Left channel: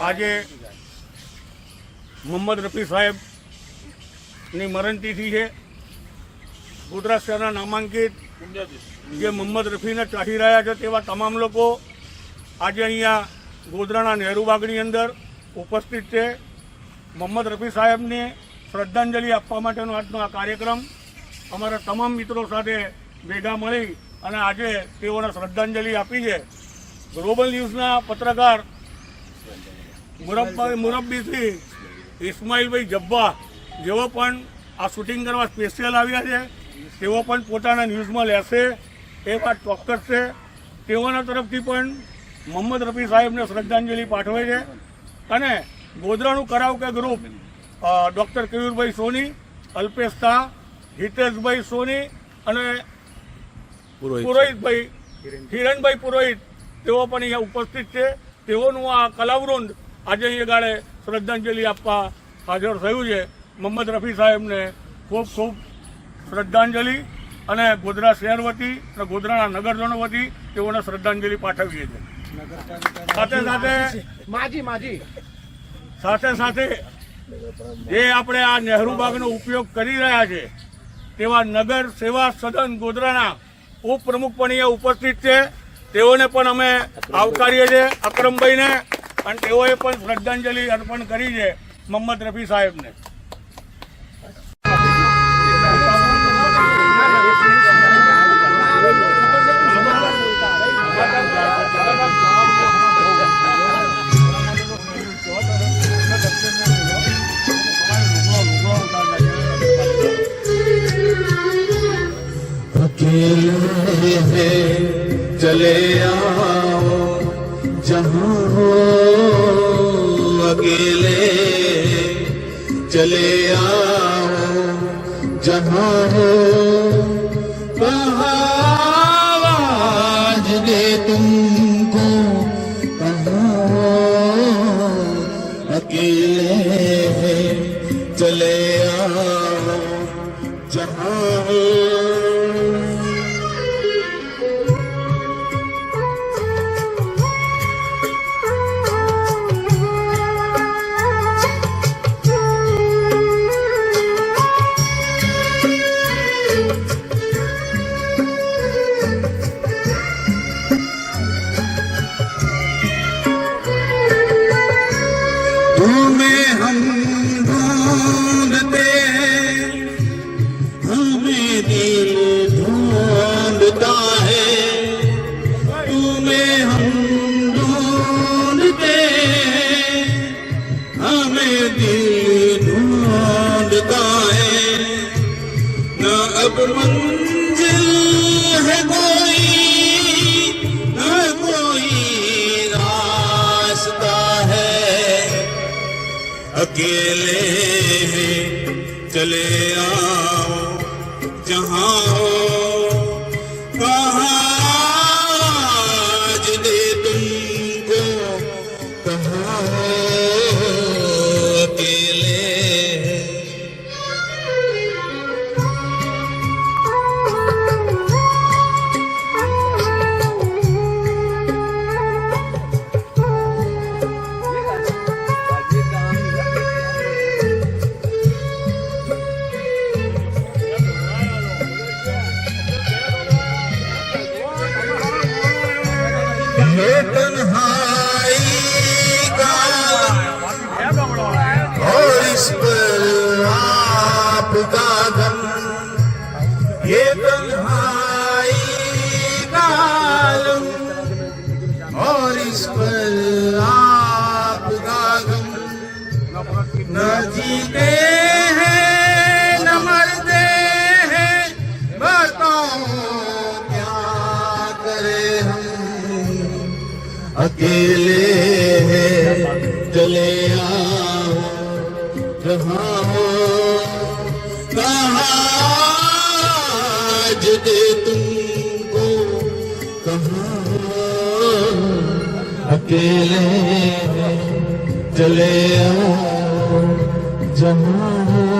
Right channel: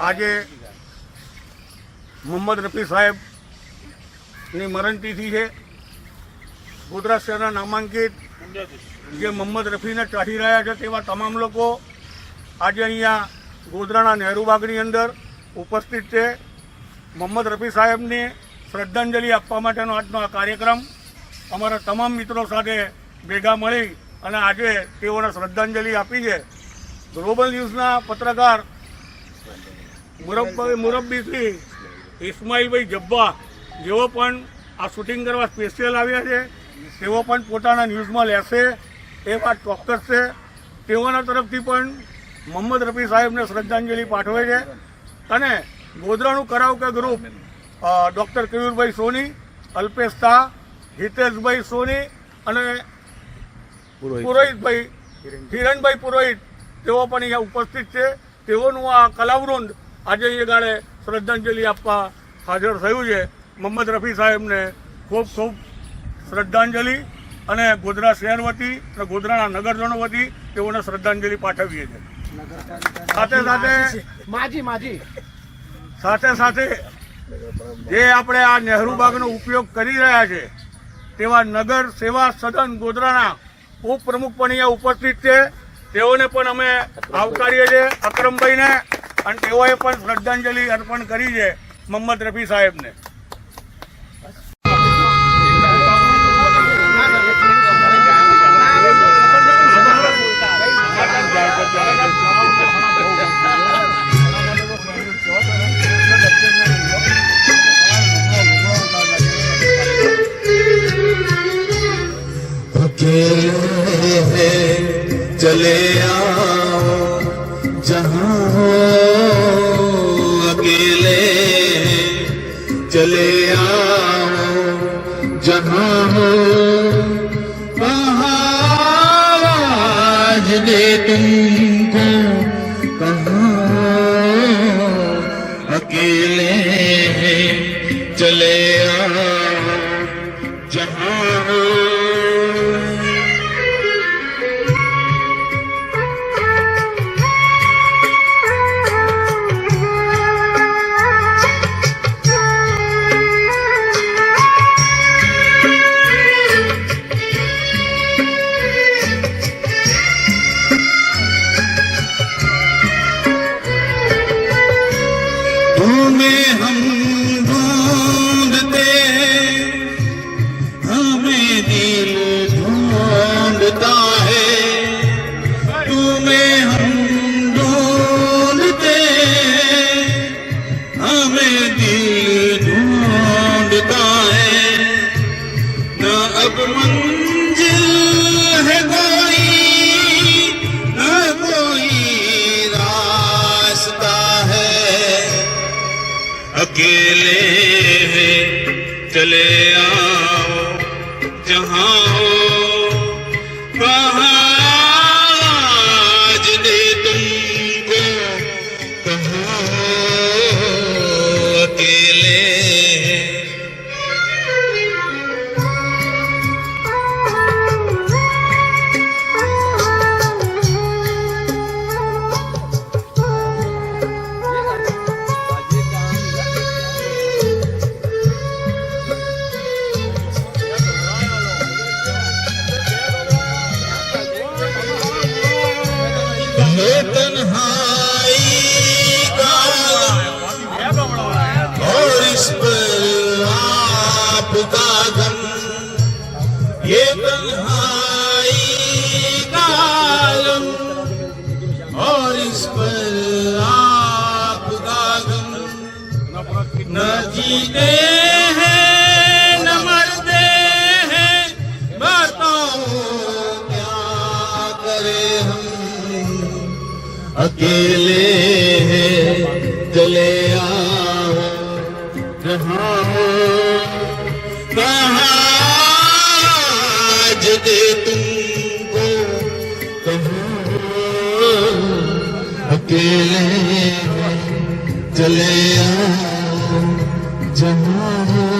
આજે મોહમ્મદ રફી સાહેબની મરણતિથિ છે। ગોધરા શહેરના નામાંકિત જે મોહમ્મદ રફીને ચાહી રહ્યા છે તેવા તમામ લોકો આજે અહીંયા ગોધરાના નહેરુ બાગની અંદર ઉપસ્થિત છે। મોહમ્મદ રફી સાહેબની શ્રદ્ધાંજલિ આપવા માટેનો આજનો આ કાર્યક્રમ અમારા તમામ મિત્રો સાથે ભેગા મળી અને આજે તેઓને શ્રદ્ધાંજલિ આપી છે। ગ્લોબલ ન્યૂઝના પત્રકાર મુરબ્બી શ્રી ઇસ્માઇલભાઈ જબ્બા જેઓ પણ આ શૂટિંગ કરવા સ્પેશિયલ આવ્યા છે તેઓ પણ પોતાના ન્યૂઝમાં લેશે એ વાત ચોક્કસ છે। તેઓના તરફથી પણ મોહમ્મદ રફી સાહેબને શ્રદ્ધાંજલિ પાઠવે છે અને ગોધરાનું કરાવકે ગ્રુપ ડૉક્ટર કેયુરભાઈ સોની, અલ્પેશ શાહ, હિતેશભાઈ સોની અને પુરોહિતભાઈ હિરણભાઈ પુરોહિત તેઓ પણ અહીંયા ઉપસ્થિત છે। તેઓનું આ કલાવૃંદ આજે અહીંયા ગાળે શ્રદ્ધાંજલિ આપવા હાજર થયું છે। મોહમ્મદ રફી સાહેબને ખૂબ ખૂબ શ્રદ્ધાંજલિ અને ગોધરા શહેર વતી અને ગોધરાના નગરજનો વતી તેઓને શ્રદ્ધાંજલિ પાઠવીએ છીએ। સાથે સાથે જે આપણે આ નહેરુ બાગનો ઉપયોગ કરી રહ્યા છે તેવા નગર સેવા સદન ગોધરાના ઉપપ્રમુખ પણ અહીંયા ઉપસ્થિત છે। તેઓને પણ અમે આવકારીએ છીએ, અકરમભાઈને, અને તેઓએ પણ શ્રદ્ધાંજલિ અર્પણ કરી છે મોહમ્મદ રફી સાહેબને। चले आओ जहाँ हो अकेले, चले आओ जहाँ हो वहाँ आज दे तुमको, कहाँ अकेले चले आओ जहाँ हो। तुम्हें हम ढूंढते हमें दिल ढूंढता है, तुम्हें हम ढूंढते हमें दिल ढूंढता है। न अब मंजिल है कोई, न कोई रास्ता है, अकेले चले आओ जहाँ हो वहाँ आज दे तुमको, कहाँ हो अकेले। ये तन्हाई का और इस पर आपका गम, ये तन्हाई का आलम और इस पर आपका गम। न जीते हैं न मरते हैं, बताओ क्या करें हम, अकेले चले आओ जहाँ हो कहाँ आज दे तुमको, कहाँ अकेले चले आओ जहाँ हो।